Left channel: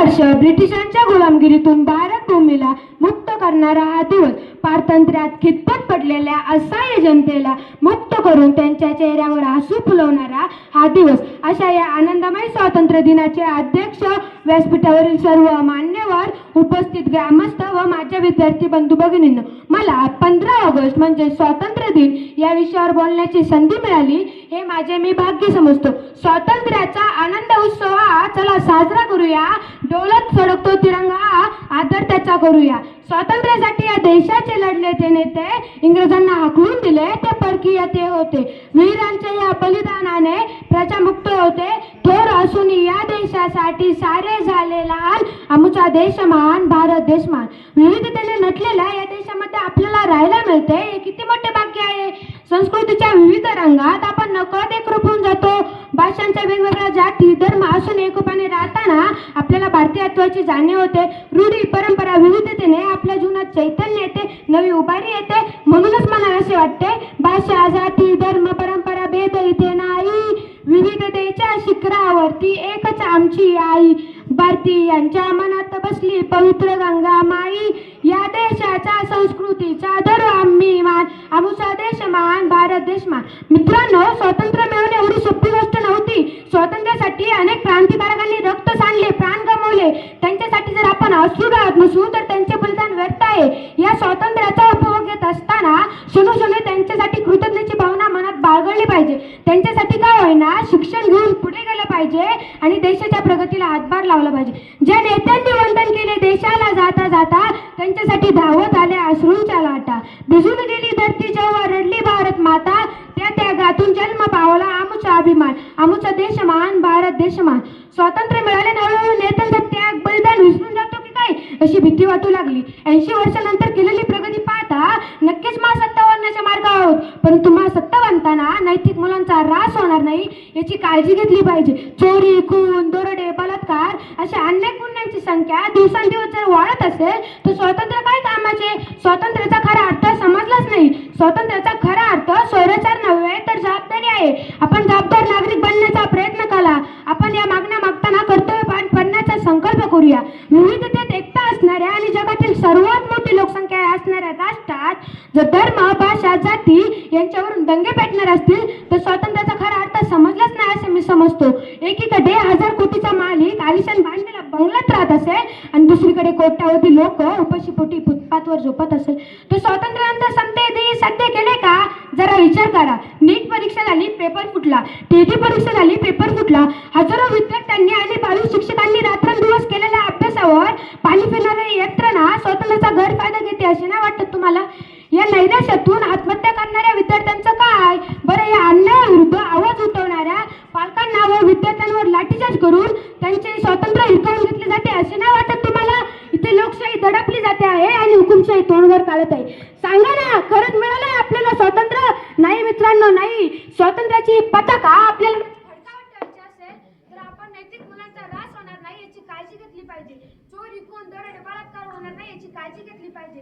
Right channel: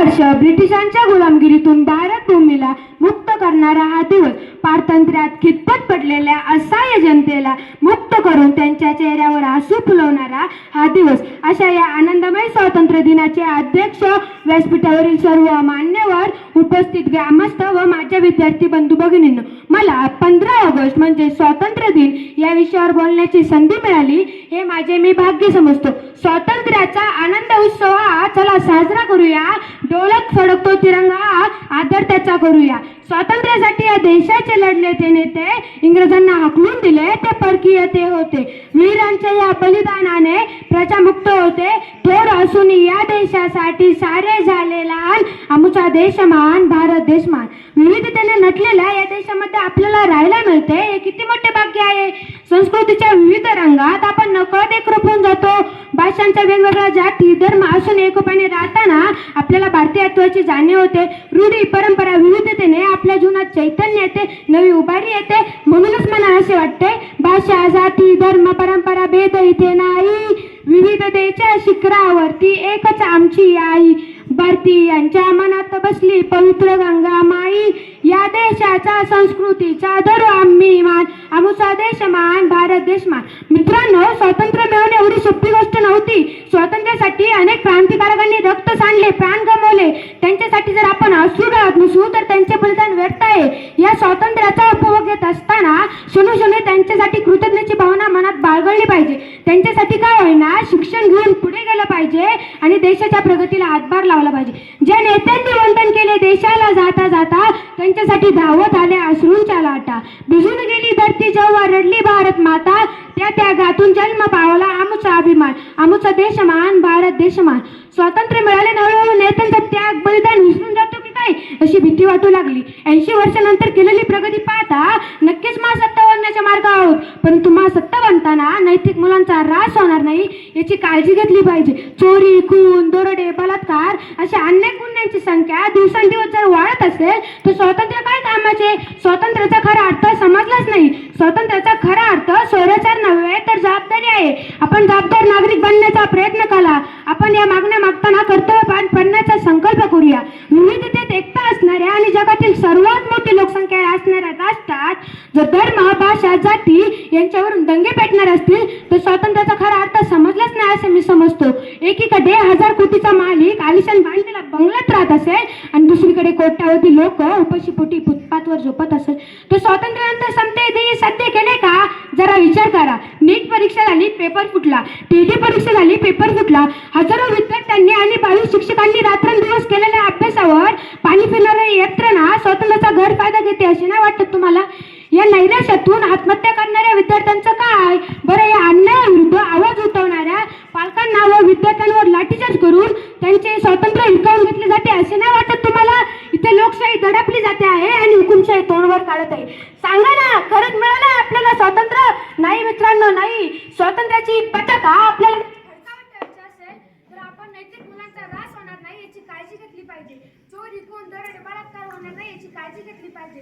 वर्ष ब्रिटिशांच्या गुलामगिरीतून भारत भूमीला मुक्त करणारा हा दिवस, पारतंत्र्यात खितपत पडलेल्या असहाय्य जनतेला मुक्त करून त्यांच्या चेहऱ्यावर हसू फुलवणारा हा दिवस. अशा या आनंदमय स्वातंत्र्य दिनाचे अध्यक्ष, व्यासपीठावरील सर्व मान्यवर, उपस्थित ग्रामस्थ व माझ्या विद्यार्थी बंधू भगिनींनो, मला 15 ऑगस्ट म्हणजे स्वातंत्र्य दिन या विषयावर बोलण्याची संधी मिळाली हे माझे मी भाग्य समजतो. स्वातंत्र्याचा आनंद उत्सव हा चला साजरा करूया, डोलत फडकतो तिरंगा आदर त्याचा करूया. स्वातंत्र्यासाठी या देशाचे लढले ते नेते, इंग्रजांना हाकलून दिले ते परकीय ते होते. वीरांच्या या बलिदानाने प्रजा मुक्त होते. थोर असून या देशासाठी सारे झाले लहान, आमचा देश महान, भारत देश महान. विविधतेने नटलेल्या या देशामध्ये आपल्याला राहायला मिळते हे किती मोठे भाग्य आहे. संस्कृतीच्या विविध रंगात आपण नकळत एकरूप होऊन जातो. भाषांच्या वेगवेगळ्या जाती धर्म असून एकोप्याने राहताना आपल्याला भारतीयत्वाची जाणीव होते. रूढी परंपरा विविधतेने आपल्या जीवनात चैतन्य येते, नवी उभारी येते. म्हणूनच मला असे वाटते, भाषा जाती धर्म परंपरा भेद इथे नाही, विविधतेच्या शिखरावरती एकच आमची आई. भारतीयांच्या मनात बसली पवित्र गंगा माई, या देशाचा संस्कृतीचा धरू आम्ही मान, आमचा देश मान, भारत देश मान. मित्रांनो, स्वातंत्र्य मिळवणे एवढी सोपी गोष्ट नव्हती. स्वातंत्र्यासाठी अनेक क्रांतिकारकांनी रक्त सांडले, प्राण गमावले. त्यांच्यासाठी जर आपण अश्रू गाळत नसू तर त्यांचे बलिदान व्यर्थ आहे. या स्वातंत्र्याचा उपभोग घेत असताना क्षणोक्षणी त्यांच्यासाठी कृतज्ञतेची भावना मनात बाळगली पाहिजे. त्यांच्यासाठी काय होईना शिक्षण घेऊन पुढे गेलं पाहिजे आणि देशाच्या प्रगतीला हातभार लावला पाहिजे. ज्या नेत्यांनी वंदन केले देशाला जाता जाता, त्यांच्यासाठी धावत आले अश्रूंच्या लाटा. भिजून गेली धरती जेव्हा रडली भारत माता, त्या त्यागातून जन्म पावला आमचा अभिमान, आमचा देश मान, भारत देश मान. स्वातंत्र्य मिळाले हळूहळू नेत्यांचा त्याग बलिदान विसरून जातो की काय अशी भीती वाटू लागली. 80 वर्षानंतर केलेली प्रगती पाहता नक्कीच महासत्ता बनण्याच्या मार्गावर आहोत, परंतु महासत्ता बनताना नैतिक मुलांचा ह्रास होणार नाही याची काळजी घेतली पाहिजे. चोरी, खून, दरोडे, बलात्कार अशा अनेक गुन्ह्यांची संख्या दिवसेंदिवस जर वाढत असेल तर स्वातंत्र्य काय कामाचे. स्वातंत्र्याचा खरा अर्थ समजलाच नाही. स्वातंत्र्याचा खरा अर्थ स्वैराचार नव्हे तर जबाबदारी आहे. आपण जबाबदार नागरिक बनण्याचा प्रयत्न केला. आपण या मागण्या मागताना कर्तव्यपार बनण्याचा संकल्प करूया. विविधतेत एकता असणाऱ्या आणि जगातील सर्वात मोठी लोकसंख्या असणाऱ्या राष्ट्रात जर धर्म, भाषा, जाती यांच्यावरून दंगे पेटणार असतील तर स्वातंत्र्याचा खरा अर्थ समजलाच नाही असं मी समजतो. एकीकडे 1000 कोटीचा मालिक आलिशान बांधलेला बंगल्यात राहत असेल आणि दुसरीकडे कोट्यावधी लोक उपाशीपोटी फुटपाथवर झोपत असेल, तर स्वातंत्र्यानंतर समते दिनी साध्य केले का? जरा विचार करा. नीट परीक्षा झाली, पेपर फुटला. टीटी परीक्षा झाली, पेपर फुटला. हजारो विद्यार्थ्यांनी आणि 22 शिक्षकांनी रात्रंदिवस केलेल्या अभ्यासावर पाणी फिरणारे यंत्रणा स्वातंत्र्याचा गैरफायदा घेते असे नाही वाटत तुम्हाला? या नैराश्यातून आत्महत्या करणाऱ्या विद्यार्थ्यांचं काय? बरं, या अन्यायाविरुद्ध आवाज उठवणाऱ्या पालकांना व विद्यार्थ्यांवर लाठीचार्ज करून त्यांचे स्वातंत्र्य हिरावून घेतले जाते असे नाही वाटत तुम्हाला? इथे लोकशाही दडपली जाते आहे आणि हुकुमशाही तोंडवर काढत आहे. सांगा ना, खरंच मिळालं आपल्याला स्वातंत्र्य? नाही मित्रांनो, नाही. स्वातंत्र्याची पताका आपल्याला असेल तर आपण नैतिक मुलांचा ऱ्हास होणार नाही याची काळजी घेतली पाहिजे. चोरी, खून, दरोडे, बलात्कार होणार नाही याची काळजी घेतली पाहिजे.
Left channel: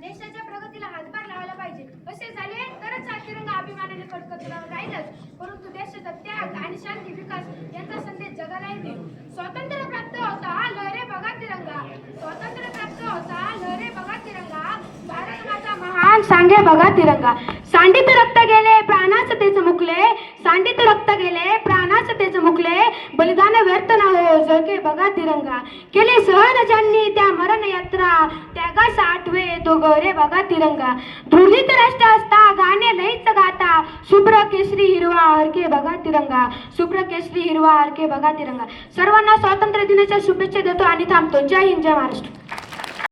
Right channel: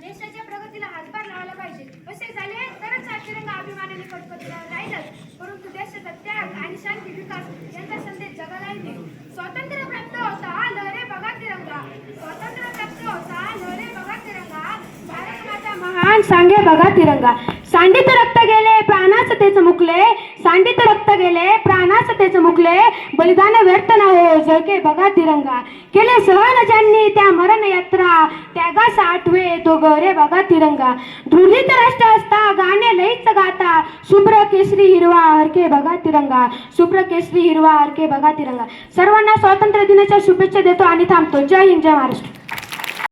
देशाच्या प्रगतीला हातभार लावला पाहिजे. असे झाले तरच हा तिरंगा अभिमानाने फडकत राहीलच, परंतु देशाचा त्याग आणि शांती विकास यांचा संदेश जगाला येते. स्वातंत्र्य प्राप्त होता लहरे बघा तिरंगा, स्वातंत्र्य प्राप्त होता लहरे बघा तिरंगा, भारत माता महान सांगे बघा तिरंगा. सांडित रक्त गेले प्राणाच तेच मुकले, सांडित रक्त गेले प्राणाच तेच मुकले, बलिदान व्यर्थ न हो जळके बघा तिरंगा. केले सहन ज्यांनी त्या मरण यात्रा, त्यागास आठवे तो गौरे बघा तिरंगा. धृलित राष्ट्र असता गाणे लईच गाता, शुभ्र केसरी हिरवा हरके बघा तिरंगा, शुभ्र केसरी हिरवा हरके बघा तिरंगा. सर्वांना स्वातंत्र्य दिनाच्या शुभेच्छा देतो आणि थांबतो. जय हिंद, जय महाराष्ट्र.